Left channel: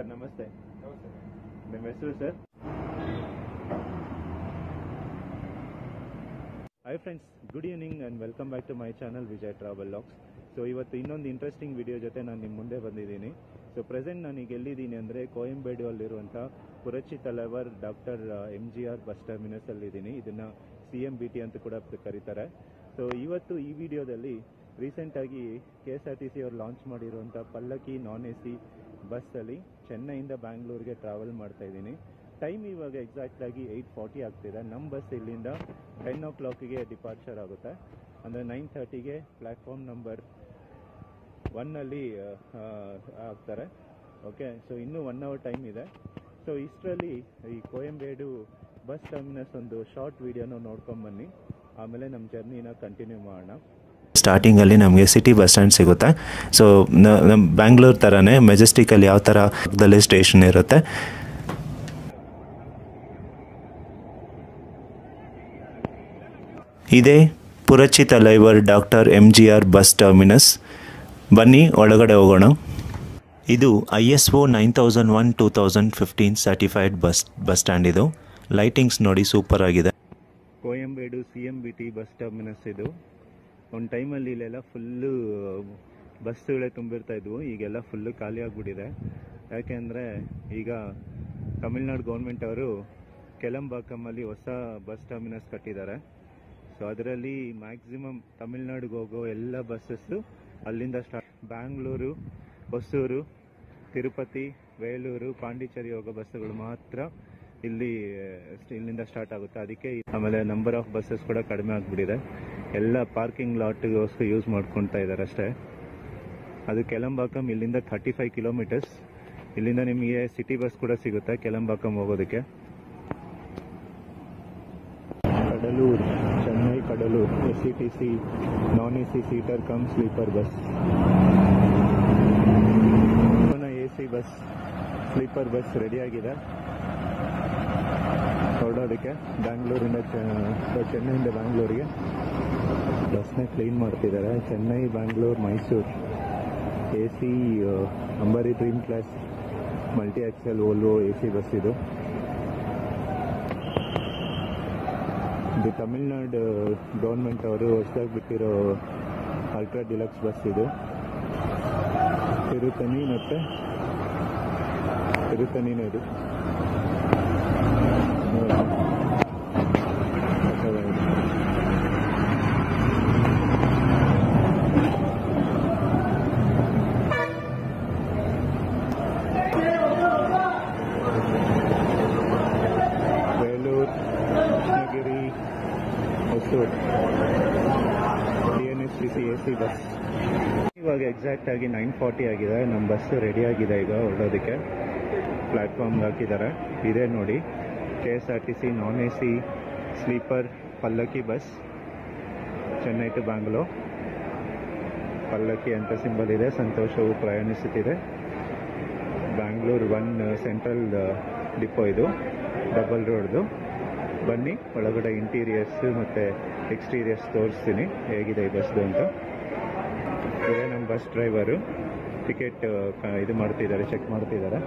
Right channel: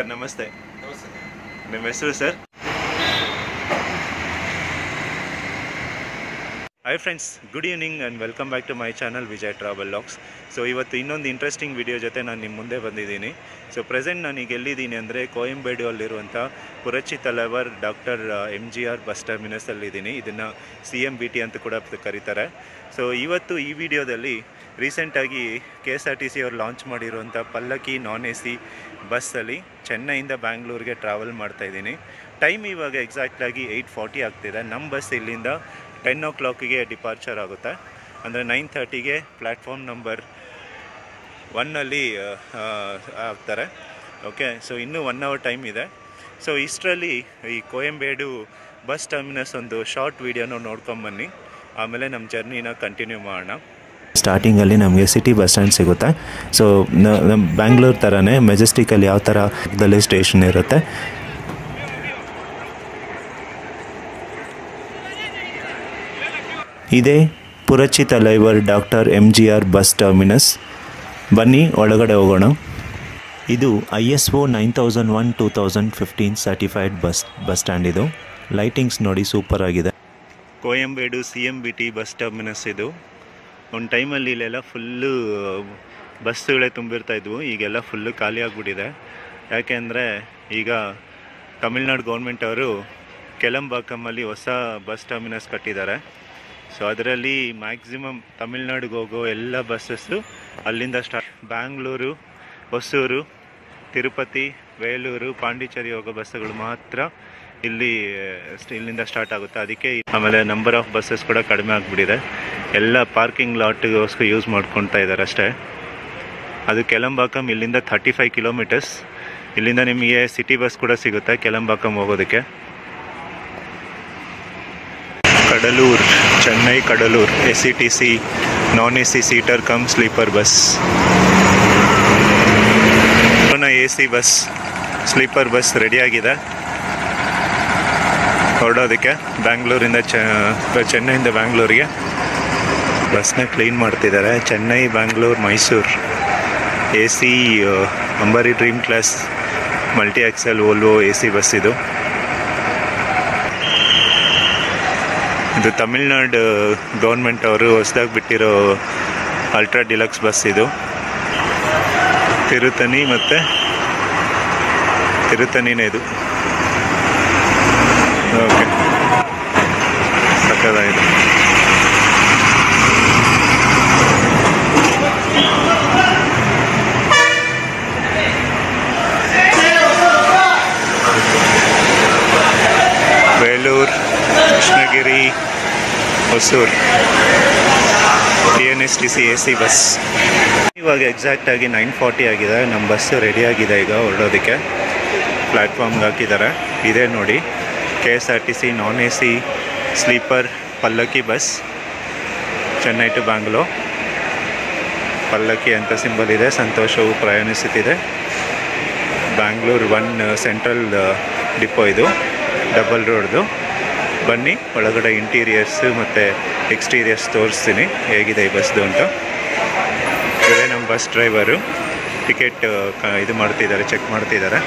Sir ನಮಸ್ತೆ. ನಿಮ್ಮ ಹೆಸರು sir? Hi friends, good evening and welcome back to my channel Vijay travel logs. So ಇವತ್ತು ಇನ್ನೊಂದು ಇಂಟ್ರೆಸ್ಟಿಂಗ್ ವಿಡಿಯೋ ಜೊತೆ ನಾನು ನಿಮ್ಮ ಮುಂದೆ ಬಂದಿದ್ದೀನಿ. ಸೊ ಪ್ರೆಸೆಂಟ್ ನಾನೀಗ ಎಲ್ಲಿದ್ದೀನಿ ಅಂದರೆ ಕೊಯಂಬೇಡುವಲ್ಲಿರುವಂಥ ಪುರಚಿ ತಲೈವರ್ ಡಾಕ್ಟರ್ MGR ಬಸ್ ಟರ್ಮಿನಸಲ್ಲಿದ್ದೀನಿ. ಇದನ್ನು CMBT ಅಂತ ಕೂಡ ಕರೀತಾರೆ. ಸೊ ಇವತ್ತು ಈ ವಿಡಿಯೋದಲ್ಲಿ ರೀಸೆಂಟಾಗಿ KSRTC ಅವರು ಲಾಂಚ್ ಮಾಡಿರುವಂಥ ಪಲ್ಲಕ್ಕಿ non-AC ಬಸ್ಸಲ್ಲಿ ಚೆನ್ನೈಯಿಂದ ಬ್ಯಾಂಗ್ಳೂರಿಗೆ ಟ್ರಾವೆಲ್ ಮಾಡ್ತಾಯಿದ್ದೀನಿ. ಟೈಮ್ ಇವಾಗ ಎಕ್ಸಾಕ್ಟಾಗಿ 8:40 ಆಗ್ತಿದೆ. ನಮ್ಮ ಬಸ್ ಇಲ್ಲಿಂದ 10 o'clock ಡಿಪಾರ್ಚರ್ ಆಗುತ್ತೆ. ಅಂದರೆ 9:30 ಪ್ಲ್ಯಾಟ್ಫಾರ್ಮ್ ನಂಬರ್ 1 ಆಗ್ತಾರೆ. ಓಕೆ, ಸೊ ಇನ್ನೂ 1 hour ಟೈಮ್ ಇದೆ. ಸೊ ಇಷ್ಟರಲ್ಲಿ ಈ ಕೊಯಂಬೇಡು ಬಸ್ ಟರ್ಮಿನಸ್ ಒಂದು ಶಾರ್ಟ್ ವೀಡಿಯೋನ ನೋಡ್ಕೊಂಬನ್ನಿ, ಆಮೇಲೆ ನಮ್ಮ ಜರ್ನಿನ ಕಂಟಿನ್ಯೂ ಮಾಡೋಣ. ಸ್ಟಾರ್ಟಿಂಗಲ್ಲಿ ನಮಗೆ ಸಿಟಿ ಬಸ್ ಸ್ಟ್ಯಾಂಡ್ ಸಿಗುತ್ತೆ. ಸೊ ನಮ್ಮ ಬ್ಯಾಂಗ್ಳೂರ್ ಥರನೇ ಮೆಜೆಸ್ಟಿಕಲ್ಲಿ ಯಾವ ಥರ ಪಕ್ಕದಲ್ಲೇ ಸ್ಟೇಷನ್ ಇರುತ್ತೆ. ಇದೇ ಪುರಚಿ Thalaivar doctor MGR bus terminus. ಬನ್ನಿ ಒಳಗಡೆ ಹೋಗೋಣ. ಇದು ISO 9001:2015 ಸರ್ಟಿಫೈಡ್ ಬಸ್ ಸ್ಟ್ಯಾಂಡ್. ಇದು ಲೈಟಿಂಗ್ಸ್ ನೋಡಿ ಸೂಪರ್ ಆಗಿದೆ. ಕೊಯಂಬೇಡು CMBT ಬಸ್ ಟರ್ಮಿನಸ್ ಇದು. ಒಂದು ಟೈಮಲ್ಲಿ ಇಲ್ಲೆಲ್ಲ ಫುಲ್ಲು ಬಸ್ಸುಗಳೇ ತುಂಬಿರ್ತಾಯಿದ್ವು. ಈಗೆಲ್ಲ ಫುಲ್ಲು ಖಾಲಿ ಆಗಿಬಿಟ್ಟಿದೆ. ಯಾಕೆಂದರೆ ಈಗ ತಮಿಳ್ನಾಡು ಗೌರ್ಮೆಂಟ್ ಅವರು ಕೆಲಂಬಾಕಮಲ್ಲಿ ಹೊಸ ಬಸ್ ಟರ್ಮಿನಸ್ ಕಟ್ಟಿದ್ದಾರೆ. ಸೊ ಅದರಲ್ಲಿ ಮ್ಯಾಕ್ಸಿಮಮ್ ತಮಿಳ್ನಾಡಿಗೆ ಹೋಗೋ ಎಲ್ಲ ಬಸ್ಸಸ್ಸು ಅಲ್ಲಿಂದ ಸ್ಟಾರ್ಟ್. ಬ್ಯಾಂಗ್ಳೂರು, ಹೊಸೂರು, ತಿರುಪತಿ, ವೇಲೂರು, ಪಾಂಡಿಚೇರಿ ಹೋಗೋ ಬಸ್ಸುಗಳು ಮಾತ್ರ ಇಲ್ಲಿಂದ ಸ್ಟಾರ್ಟ್ ಆಗುತ್ತೆ. ಅದಕ್ಕೆ ಆಮೇಲೆ ನಂಬರ್ ಆಫ್ ಬಸ್ಸಸ್ ಕೂಡ ಕಡಿಮೆ ಆಗಿಬಿಟ್ಟಿದೆ. ಎಲ್ಲ ಪಾರ್ಕಿಂಗ್ ಲಾಟ್ಗೋಸ್ಕರ ಯೂಸ್ ಮಾಡ್ಕೊತಾ ಇದ್ದಾರೆ ಅಷ್ಟೇ. ಅದು ಕೆಲಂಬಾಕಮ್ ಇಲ್ಲಿಂದ 35 ಕಿಲೋಮೀಟರ್ಸ್. ಇಲ್ಲಿಂದ ನಿಮಗೆ ಸಿಟಿ ಬಸ್ ಕೂಡ ಸಿಗುತ್ತೆ ಕೆಲಂಬಾಕಮ್ ಹೋಗೋದಕ್ಕೆ. Cuddalore, Chennai Cuddalore SETC non-AC seater cum sleeper bus. AC bus sleeper bus ರೆಡಿಯಾಗಿದೆ ಹೊರಡೋದಕ್ಕೆ ಬ್ಯಾಂಗ್ಳೂರಿಂದ ಚೆನ್ನೈಯಿಂದ ಬ್ಯಾಂಗ್ಳೂರಿಗೆ. ಬಸ್ನ ಕ್ಲೀನ್ ಮಾಡ್ತಿದ್ದಾರೆ. Chennai, Bangalore, Mysuru AC Ambari dream class multi axle Volvo AC bus ಇದು. ಇದು ತಮಿಳ್ನಾಡು ಗೌರ್ಮೆಂಟ್ ಅವರು ಹೊಸದಾಗಿ ಬಿಟ್ಟಿರೋ ಅಲ್ಟ್ರಾ ಡಿಲಕ್ಸ್ ಬಸ್ ಇದು. ತಿರುತನಿ ಮತ್ತು ತಿರುತನಿನೇ ಇದು. ಓಕೆ, ಸಕ್ಕತ್ತಾಗಿದೆ. Belur, Krishnagiri, Hosur TNSTC AC bus. ಇವಾಗ ಎಕ್ಸಾಕ್ಟಾಗಿ 9:40 ಆಗಿದೆ. ನಮ್ಮ ಬಸ್ಸು ರೆಡಿಯಾಗಿದೆ ಈಗ ಹೊರಡೋದಕ್ಕೆ. ಪ್ಲ್ಯಾಟ್ಫಾರ್ಮ್ಗೆ ಹಾಕಿದ್ದಾರೆ. ಇದೇ ನೋಡಿ KSRTC non-AC ಸ್ಲೀಪರ್ ಪಲ್ಲಕ್ಕಿ ಬಸ್ ಚೆನ್ನೈ ಟು ಬ್ಯಾಂಗ್ಳೂರ್. ಪಲ್ಲಕ್ಕಿ ಅಂತ ಸಿಂಬಲ್ ಇದೆ. ಸಂತೋಷವು ಪ್ರಯಾಣಿಸುತ್ತಿದೆ. ಬ್ಯಾಂಗ್ಳೂರ್ 1 ಸೆಂಟ್ರಲ್ ಡಿಪೋ ಇದು, ಡಬಲ್ ರೋಡ್ದು. ಬನ್ನಿ ಒಳಗಡೆ ಇಂಟೀರಿಯರ್ಸು ಮತ್ತು ಎಕ್ಸ್ಟೀರಿಯರ್ಸ್ ತೋರಿಸ್ತೀನಿ ಹೇಗಿದೆ ಈ ಬಸ್ದು ಅಂತ. ಇದೇ ನಮ್ಮ ಬಸ್ ಡ್ರೈವರು ಟಿಕೆಟ್ ಇದು ಮಾಡ್ತಿದ್ದಾರೆ, ಚೆಕ್ ಮಾಡ್ತಿದ್ದಾರೆ.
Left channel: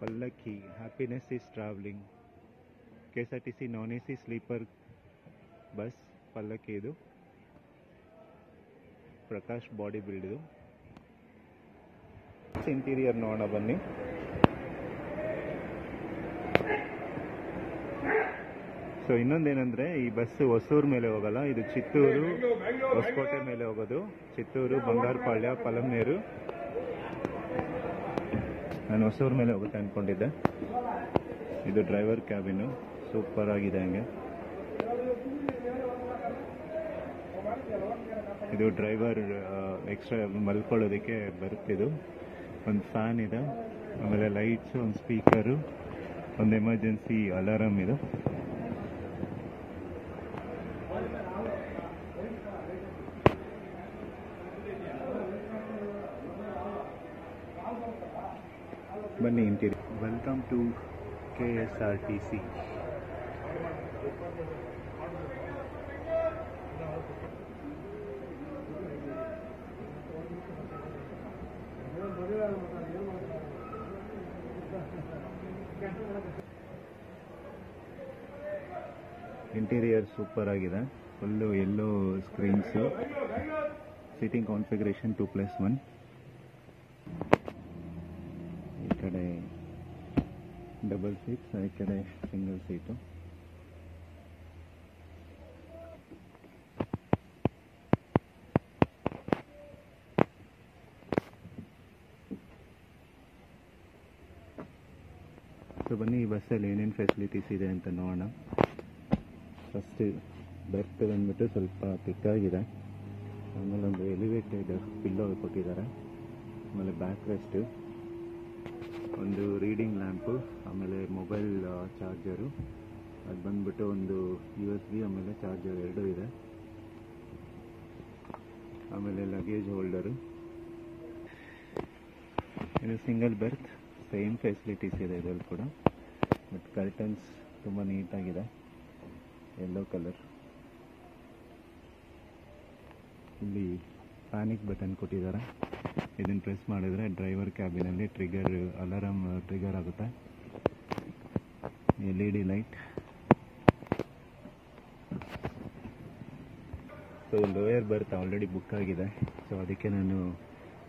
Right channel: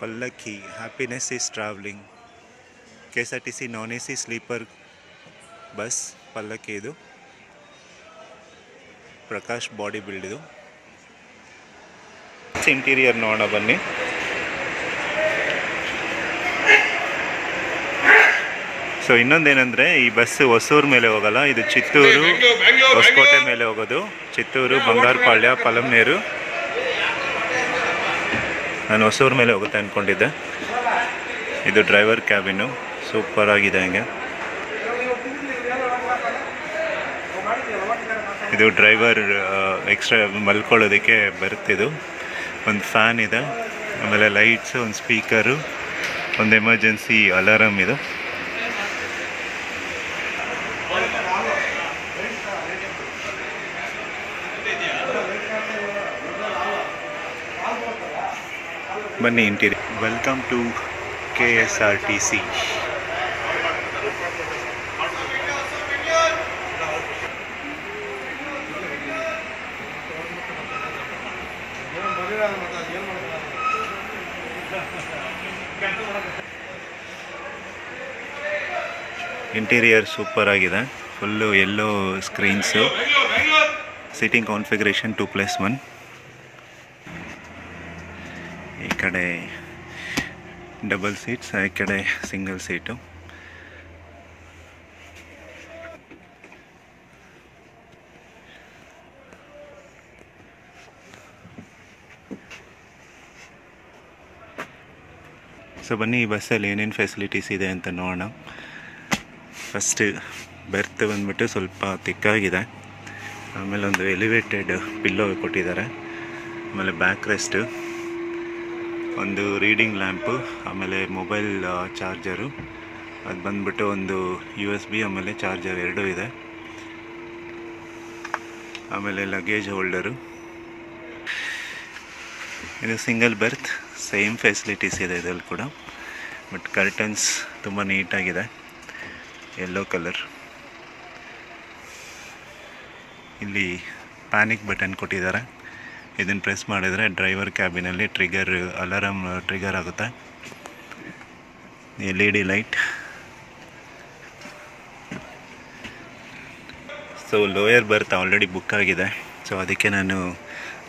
ಪಲ್ಲಕ್ಕಿ, happiness is travelling. KSRTC non-AC sleeper bus ಪಲ್ಲಕ್ಕಿ ಇದು. ಪ್ರಕಾಶ್ ಬಾಡಿ ಬಿಲ್ಡ್ ಇದು. ಇಂಟೀರಿಯರ್ ನೋಡೋಣ ಬನ್ನಿ. ಸೊ ಇನ್ನೊಂದೇನೆಂದರೆ ಈ ಬಸ್ಸು ಹೊಸೂರು ಮೇಲೆ ಹೋಗಲ್ಲ. ಇದು ಚಿತ್ತೂರು, ಹೊಸಕೋಟೆ ಮೇಲೆ ಹೋಗೋದು. ಚಿತ್ತೂರು, ಬಂಗಾರಪಾಳ್ಯ, ಪಲಮ್ನೇರು. ನಾನು ಹೊಸೂರು ಮೇಲೆ ಹೋಗುತ್ತೆ ಅಂದ್ಕೊಂಡಿದ್ದೆ. ಇದು ಡ್ರೈವರ್ ಕ್ಯಾಬಿನು, ಸೂಪರ್ ಆಗಿದೆ. ಹಂಗೆ ಇದು ಡ್ರೈವರ್ ಎಕ್ಸ್ಟ್ರಾ ಮಲ್ಕೊಳ್ಳೋದಕ್ಕೆ ಬರುತ್ತಿದ್ದು. ಒಂದು ಫ್ಯಾನ್ ಇದೆ, ಆಮೇಲೆ ಲೈಟ್ಸು, ಒಂದು ಸ್ಪೀಕರು, ಒಂದು ಎಮರ್ಜೆನ್ಸಿ ಅಲಾರಮ್ ಇದು. ಬನ್ನಿ interior. Welcome to KSRTC. Interior super ಆಗಿದೆ. ಫುಲ್ಲು ಎಲ್ಲೋ ಸ್ಕ್ರೀನ್ಸು, ಸಿಟ್ಟಿಂಗ್ ಕಾನ್ಫಿಗರೇಷನ್ 2+1. ಈ ಕಡೆ ಡಬಲ್ ಸೀಟ್ಸ್, ಈ ಕಡೆ ಸಿಂಗಲ್ ಸೀಟು. ಸೊ ಬನ್ನಿ ಈ ಬಸ್ಸಲ್ಲಿ ಏನೇನು ಫೆಸಿಲಿಟೀಸ್ ಇದೆ ಅಂತ ನೋಡೋಣ. ಫಸ್ಟ್ ಬೆರ್ತ್ ಬಂದ್ಬಿಟ್ಟು ಸ್ವಲ್ಪ ತಿಕ್ಕಾಗಿದೆ. ಆಮೇಲೆ ಒಂದು ಎಲಿವೇಟೆಡ್ ಪಿಲ್ಲೋ ಕೊಟ್ಟಿದ್ದಾರೆ. ಆಮೇಲೆ ಬ್ಯಾಕ್ ರೆಸ್ಟು, ಒಂದು ರೀಡಿಂಗ್ ಲ್ಯಾಂಪು, ಆಮೇಲೆ ಮೊಬೈಲ್ ಚಾರ್ಜರು, ಅದು ಬಂದ್ಬಿಟ್ಟು ಒಂದು USB ಆಮೇಲೆ ಚಾರ್ಜರ್ ಎರಡೂ ಇದೆ. ಆಮೇಲೆ ಲಗೇಜ್ ಹೋಲ್ಡರು. ಇದು ಸಿಂಗಲ್ ಬೆರ್ತ್, ಸೇಮ್ ಫೆಸಿಲಿಟೀಸ್ ಇದೆ ಇದರಲ್ಲಿ ಕೂಡ. ಬಟ್ ಕರ್ಟನ್ಸ್ ತುಂಬ ನೀಟಾಗಿದೆ, ಯೆಲ್ಲೋ ಕಲರ್. ಇಲ್ಲಿ ಪ್ಯಾನಿಕ್ ಬಟನ್ ಕೊಟ್ಟಿದ್ದಾರೆ. ಇದನ್ನು ಪ್ರೆಸ್ ಮಾಡಿದರೆ ಡ್ರೈವರ್ ಕ್ಯಾಬಿನಲ್ಲಿ ಅಲಾರಮ್ ಟ್ರಿಗರ್ ಆಗುತ್ತೆ. LED light. ಸೊ ಲೋಯರ್ ಬರ್ತ್ ಆಲ್ರೆಡಿ ಬುಕ್ ಆಗಿದೆ. ಸೊ ಅದಕ್ಕೆ ನಾನು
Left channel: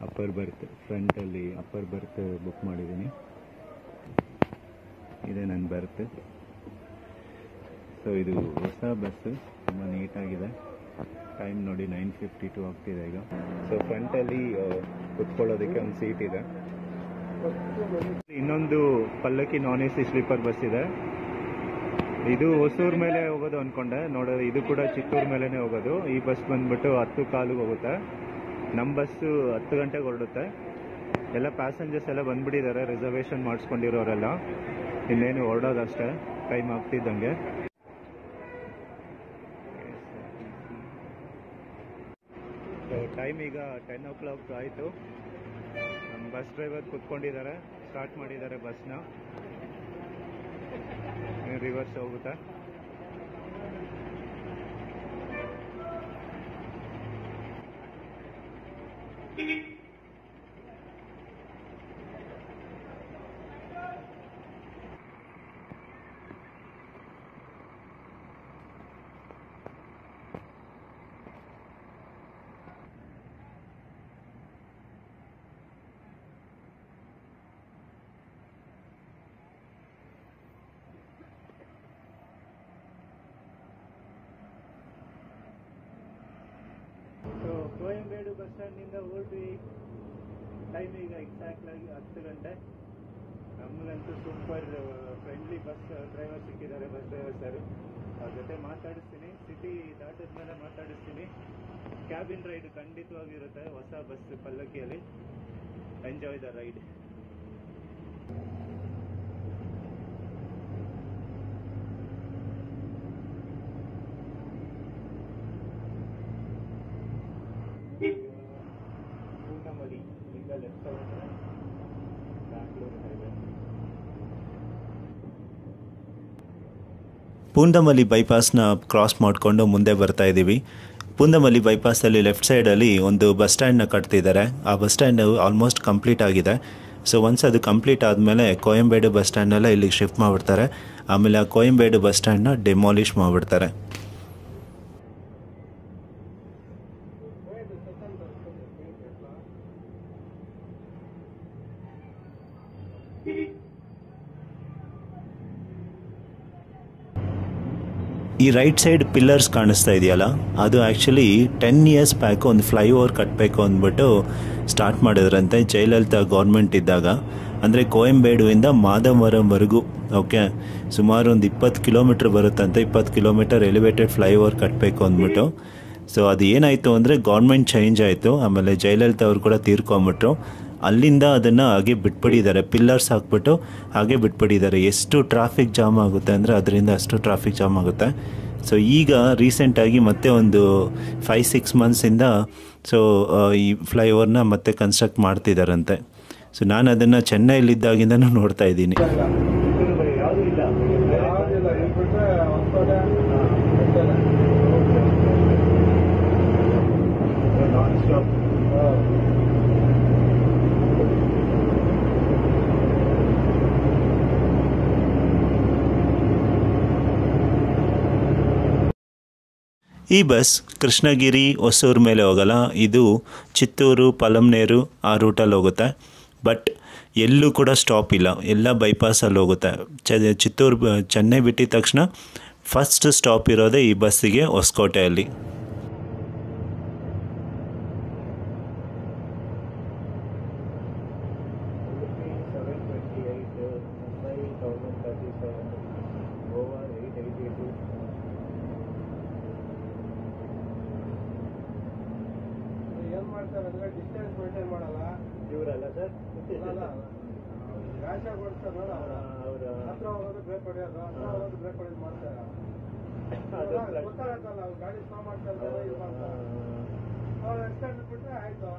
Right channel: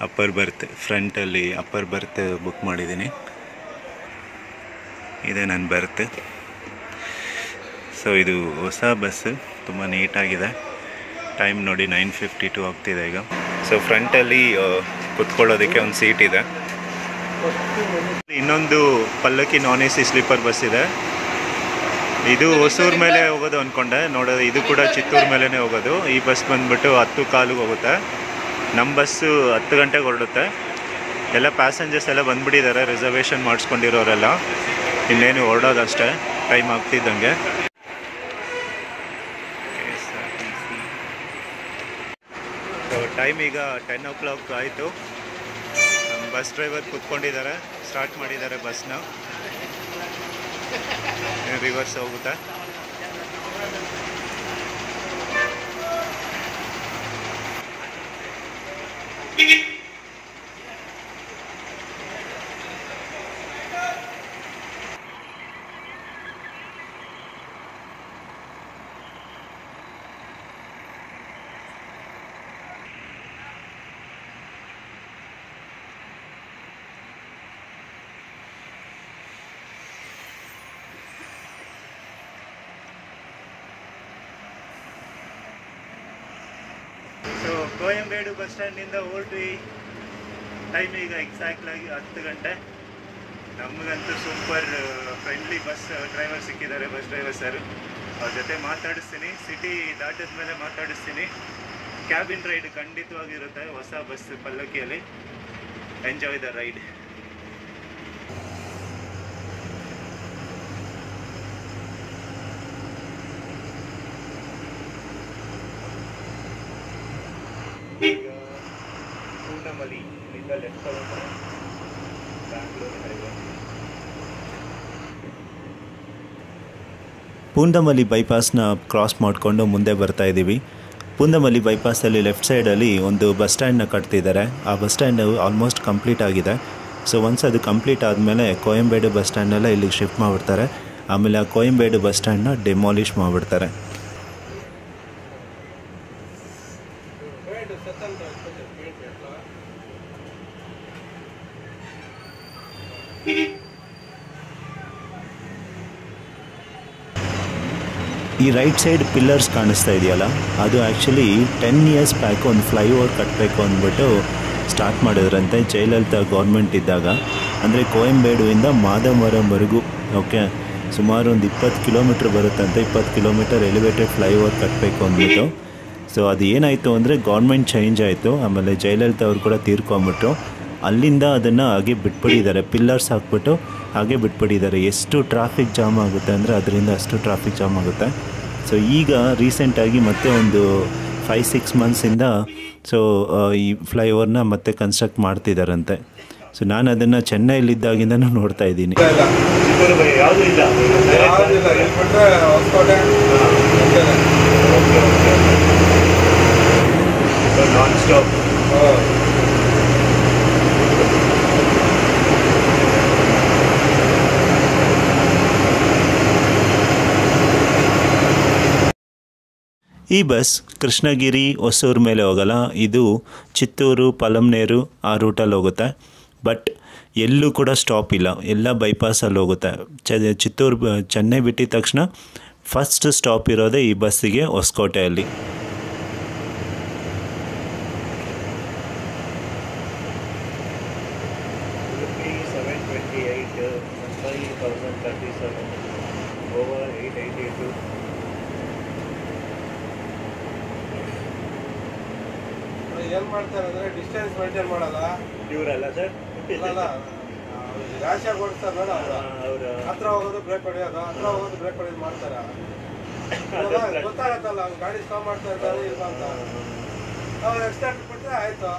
ಅಪ್ಪರ್ ಬರ್ತ್, ಫ್ರಂಟಲ್ಲಿ ಅಪ್ಪರ್ ಬರ್ತ್ ಬುಕ್ ಮಾಡಿದ್ದೀನಿ. ಇದೆ ನನ್ನ ಬರ್ತ್. ಸೊ ಇದು ಹೊಸ ಬಸ್ಸು, ತುಂಬ ನೀಟಾಗಿದೆ. ಟೈಮ್ ನೋಡಿ 9:52 ಆಗ್ತಿದೆ ಈಗ. ಸೊ ಫ್ರಂಟಲ್ಲಿ ಕುತ್ಕೊಳ್ಳೋದಕ್ಕೆ ಒಂದು ಸೀಟ್ ಇದೆ. ಇನ್ನೊಂದು ಪಲ್ಲಕ್ಕಿ non-AC ಸ್ಲೀಪರ್ ಬಸ್ ಇದೆ. ಇದು ಹೊಸೂರು ಮೇಲೆ ಹೋಗೋದು ಅಂದ್ಕೊಂಡೆ, ನೋಡೋದು ಇದು ಕೂಡ ಚಿತ್ತೂರು ಮೇಲೇ ಹೋಗೋದು. ಈ ಬಸ್ ಬಂದುಬಿಟ್ಟು 10:15 ಹೋಗುತ್ತೆ. ನಮ್ಮ ಬಸ್ಸು 10 ಗಂಟೆಗೆ ಹೊರಡುತ್ತೆ. ಎಲ್ಲ ಪ್ಯಾಸೆಂಜರ್ಸ್ ಎಲ್ಲ ಬಂದುಬಿಟ್ಟಿದ್ದಾರೆ, ರಿಸರ್ವೇಷನ್ ಮಾಡಿಸ್ಕೊಂಡಿರೋರೆಲ್ಲ. ಇನ್ನೇನು ಹೊರಡೋದಷ್ಟೇ, ಟೈಮ್ ಆಗ್ತಿದ್ದಂಗೆ. ಸೊ ಟೈಮ್ ಈಗ 10 o'clock ಆಯಿತು. ನಮ್ಮ ಬಸ್ ಡ್ರೈವರ್ ಕೂತ್ಕೊಂಡಿದ್ದಾರೆ, ಸ್ಟಾರ್ಟ್ ಮಾಡಿದ್ದಾರೆ ಬಸ್ನ. ರಿವರ್ಸ್ ಹೋಗುತ್ತೆ. ಸೊ ಕೋಯಂಬೇಡು ಬಸ್ ಸ್ಟ್ಯಾಂಡಿಂದ ಹೊರಟ್ವಿ. ಟೈಮ್ ಈಗ ಎಕ್ಸಾಕ್ಟ್ಲಾಗಿ 10 ಗಂಟೆ. ನಮಗಂತೂ ಸೂಪರ್ ಫ್ರೆಂಡ್ಲಿ ಬಸ್ ಡ್ರೈವರ್ ಸಿಕ್ಕಿದ್ದಾರೆ, ಬಸ್ ಡ್ರೈವರ್ ಸರ್. ಅವ್ರ ಜೊತೆ ಮಾತಾಡಿಸ್ತೀನಿ, ಸಿಟಿ ದಾಟಿದ ಮೇಲೆ ಮಾತಾಡಿಸ್ತೀನಿ. ಕ್ಯಾಬಿನ್ ರೈಡ್ ಖಂಡಿತವಾಗಿರುತ್ತೆ ಹೊಸ ಬಸ್ ಪಲ್ಲಕ್ಕಿಯಲ್ಲಿ. Enjoy the ride. ಈಗ ಪೂರ್ಣಮಲಿ ಇಲ್ಲಿಂದ ಲೆಫ್ಟ್ ತಗೊಂಡ್ರೆ ಬ್ಯಾಂಗ್ಳೂರು ಹೈವೇ. ಪೂಂದಮಲ್ಲಿ ಬೈಪಾಸ್ನ ಕ್ರಾಸ್ ಮಾಡಿಕೊಂಡು ಮುಂದೆ ಬರ್ತಾ ಇದ್ದೀವಿ. ಪೂಂದಮಲ್ಲಿ ಬೈಪಾಸಲ್ಲಿ ಲೆಫ್ಟ್ ಸೈಡಲ್ಲಿ ಒಂದು ಬಸ್ ಸ್ಟ್ಯಾಂಡ್ನ ಕಟ್ತಿದ್ದಾರೆ. ಆ ಬಸ್ ಸ್ಟ್ಯಾಂಡ್ ಆಲ್ಮೋಸ್ಟ್ ಕಂಪ್ಲೀಟ್ ಆಗಿದೆ. ಸೊ ಒನ್ಸ್ ಅದು ಕಂಪ್ಲೀಟ್ ಆದಮೇಲೆ ಕೋಯಂಬೇಡು ಬಸ್ ಸ್ಟ್ಯಾಂಡೆಲ್ಲ ಇಲ್ಲಿಗೆ ಶಿಫ್ಟ್ ಮಾಡಿಬಿಡ್ತಾರೆ. ಆಮೇಲೆ ಆ ಕೋಯಂಬೇಡು ಬಸ್ ಸ್ಟ್ಯಾಂಡ್ನ ಡೆಮಾಲಿಷ್ ಮಾಡಿಬಿಡ್ತಾರೆ. ಈ ರೈಟ್ ಸೈಡ್ ಪಿಲ್ಲರ್ಸ್ ಕಾಣಿಸ್ತಾ ಇದೆಯಲ್ಲ, ಅದು ಆ್ಯಕ್ಚುಲಿ 10 years ಬ್ಯಾಕ್ ಒಂದು ಫ್ಲೈಓವರ್ ಕಟ್ಟಬೇಕು ಅಂದ್ಬಿಟ್ಟು ಸ್ಟಾರ್ಟ್ ಮಾಡಿದ್ರಂತೆ ಜಯಲಲಿತಾ ಗೌರ್ಮೆಂಟ್ ಇದ್ದಾಗ. ಅಂದರೆ ಕೋಯಂಬೇಡುವಿಂದ ಮಾದಮರಂವರೆಗೂ ಓಕೆ ಸುಮಾರು ಒಂದು 20 ಕಿಲೋಮೀಟ್ರ್ ಬರುತ್ತಂತೆ. 20 ಕಿಲೋಮೀಟರ್ ಎಲಿವೇಟೆಡ್ ಫ್ಲೈಓವರ್ ಕಟ್ಟಬೇಕು ಅಂದ್ಬಿಟ್ಟು. ಸೊ ಅದು ಏನಾಯಿತು ಅಂದರೆ ಗೌರ್ಮೆಂಟ್ ಚೇಂಜ್ ಆಯಿತು. ಆಮೇಲೆ ಜಯಲಲಿತಾ ಅವರು ಕೂಡ ತೀರ್ಕೊಂಬಿಟ್ರು. ಅಲ್ಲಿಂದ ಅದನ್ನು ಹಾಗೆ ಬಿಟ್ಬಿಟ್ಟಿದ್ದಾರೆ, ಪಿಲ್ಲರ್ಸ್ ಹಾಕ್ಬಿಟ್ಟು ಹಾಗೆ ಬಿಟ್ಬಿಟ್ಟಿದ್ದಾರೆ. ಎಷ್ಟು ಟ್ರಾಫಿಕ್ ಜಾಮ್ ಆಗುತ್ತೆ ಅಂದರೆ ಅದರಿಂದ ಅಷ್ಟು ಟ್ರಾಫಿಕ್ ಜಾಮ್ ಆಗುತ್ತೆ. ಸೊ ಈಗ ರೀಸೆಂಟಾಗಿ ಮತ್ತೆ ಒಂದು 5-6 ಮಂತ್ಸಿಂದ ಸೊ ಈ ಫ್ಲೈಓವರ್ನ ಮತ್ತೆ ಕನ್ಸ್ಟ್ರಕ್ಟ್ ಮಾಡ್ತಿದ್ದಾರಂತೆ. ಸೊ ನಾನು ಅದನ್ನು ಚೆನ್ನೈಲಿದ್ದಾಗಿಂದನೂ ನೋಡ್ತಾ ಇದ್ದೀನಿ. ಈ ಬಸ್ ಕೃಷ್ಣಗಿರಿ ಹೊಸೂರು ಮೇಲೆ ಹೋಗಲ್ಲ, ಇದು ಚಿತ್ತೂರು ಪಲಮ್ನೇರು ಆ ರೂಟಲ್ಲಿ ಹೋಗುತ್ತೆ. ಬಟ್ ಎಲ್ಲೂ ಕೂಡ ಸ್ಟಾಪ್ ಇಲ್ಲ, ಎಲ್ಲ ಬೈಪಾಸಲ್ಲಿ ಹೋಗುತ್ತೆ. ಚಿತ್ತೂರು ಚೆನ್ನೈ ಬಿಟ್ಟಿದ ತಕ್ಷಣ ಫಸ್ಟ್ ಸ್ಟಾಪ್ ಇರೋದೇ ಈ ಬಸ್ಸಿಗೆ ಹೊಸಕೋಟೆಯಲ್ಲಿ. ಏನು ಮಾಡ್ತಾರೆ ಅಂದರೆ ಡಿಸ್ಟೆನ್ಸ್ ಮೇಂಟೈನ್ ಮಾಡೋದ ಇವರಲ್ಲ ಸರ್, ರ್ಯಾಶ್ ಆಗಿ ಓಡಿಸ್ತಾರಲ್ಲ ಅವರು, ಹತ್ರ ಹೋಗೋದು ಬ್ರೇಕ್ ಹೊಡೆಯೋದು, ಹತ್ರ ಹೋಗೋದು ಬ್ರೇಕ್ ಹೊಡೆಯೋದು ಮಾಡ್ತಾರೆ. ಗೊತ್ತಾಗತ್ತಲ್ಲ ಅವ್ನು ಗಾಡಿ ಸ್ಟಾಪ್ ಮಾಡ್ತಾ ಇರ್ತಾರೆ ಇಲ್ಲ ಅಂತ, ಅವ್ರು ಎಕ್ಸ್ಟ್ರಾಕ್ಟ್ ಬಿಟ್ಟರೆ ಆಯಿತು.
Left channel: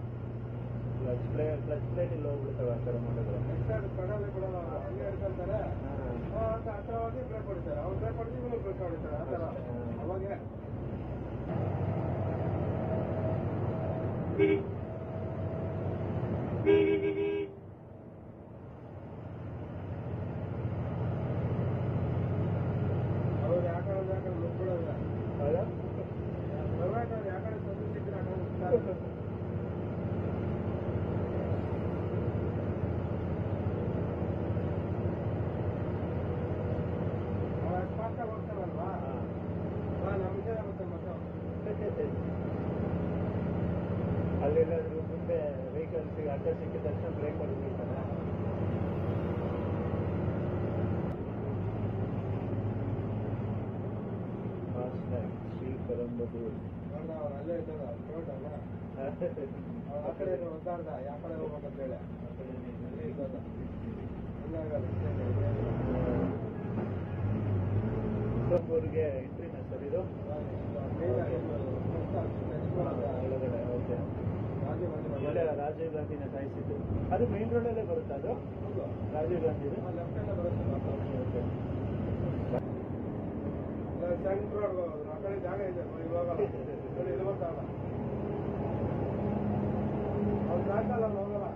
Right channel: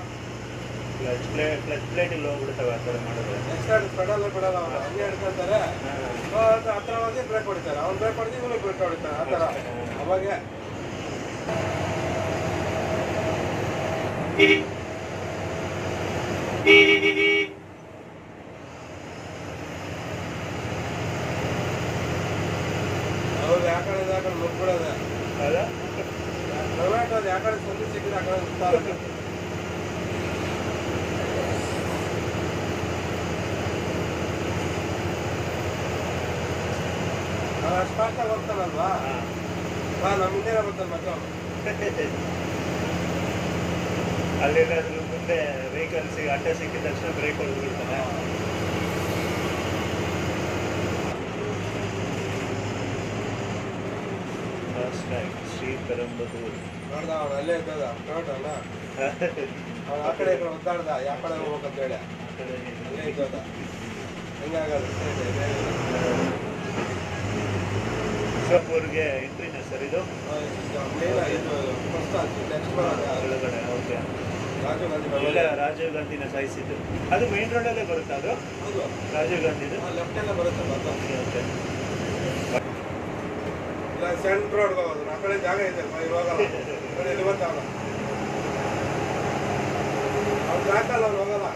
ಕ್ಲಚ್ ಪ್ಲೇಟಿಗೆ ಹೋಗ್ಬಿಡ್ತಾವೆ ಆ ಥರ ಮಾಡಿದ್ರೆ. ಎಕ್ಸ್ಟ್ರಾಕ್ಟ್ ಬಿಡಲ್ಲ ಅವ್ರು ಹಂಗೆ ಹಿಡ್ಕೊತಾರೆ, ಹತ್ರ ಹೋಗಿ ಬ್ರೇಕ್ ಹೊಡಿತಾರೆ. ಅವ್ನು ಬ್ರೇಕ್ ಹೊಡೆದು ಇವನು ಬ್ರೇಕ್ ಹೊಡಿತಾರೆ ಆ ಥರ. ಅವಾಗೆ ಅವ್ರು ಯಾಕಡೆ ನುಗ್ಬಿಡೋದೆ ಪ್ರೈವೇಟ್ ಅದು ಯಾಕಡೆ ಸಂದು ಸಿಕ್ಕಿದ್ರೆ ಆ ಕಡೆ ನುಗ್ತಾರೆ. ಅಷ್ಟು ಫಾಸ್ಟಾಗಿ ಹೋಗ್ತಾನಲ್ವಾ, ನಮ್ಮ ಮುಂದೆ ಬರ್ತಾನೆ ಮತ್ತೆ. ಅಲ್ಲೆಲ್ಲಾದ್ರೂ ಮುಂದೆ ವೆಹಿಕಲ್ಸ್ ಅಡ್ಡ ಸಿಕ್ಕಿದ ತಕ್ಷಣ ಬ್ರೇಕ್ ಹೊಡೆದು ಬಿಡ್ತಾನೆ. ಫಾಸ್ಟ್ ಟ್ರ್ಯಾಕ್ ಶ್ರೀ ಪೆರಂಬದೂರು ನೋಡ್ದ ಅವ್ನು ಅಲ್ಲೇ ಇದ್ದದ ಟೊಮೆಟೋನ ಆ ಕಡೆ ಒದ್ದಾಡ್ದ ಯಾವ ಕಡೆ ಹೋಗ್ಬೇಕಂತ ಹೇಳಿ ಅಲ್ಲೇ ಇದ್ದದ. ಹೆಂಗಾಗಲ್ಲ ಊರಿಗೆ ಎಂಟ್ರಿನ ಸರ್ ಇದು ಒಳಗಡೆ? ಓಕೆ, ಎಲ್ಲ ರಾಜೀವ್ ಗಾಂಧಿನ ಸಾಯಿಸಿದ್ದು ಅದು ಮೇನ್ ರೋಡಲ್ಲೇ ಬರುತ್ತೆ. ಅದು ರಾಜೀವ್ ಗಾಂಧಿದು ಲೆಫ್ಟಲ್ಲೇ ಬರುತ್ತೆ. Okay okay. ಇಲ್ಲ ಸೆಂಟ್ ರೋಡ್ಗೆ ಹೋಗೋದು, ಆ ಕಡೆ ಜಾಗ ಇದೆ ಇವಾಗ ಇವತ್ತು ಅವ್ನು ಜಾಗಲ್ಲ, ಅವ್ನು ಹೋಗಲ್ಲ.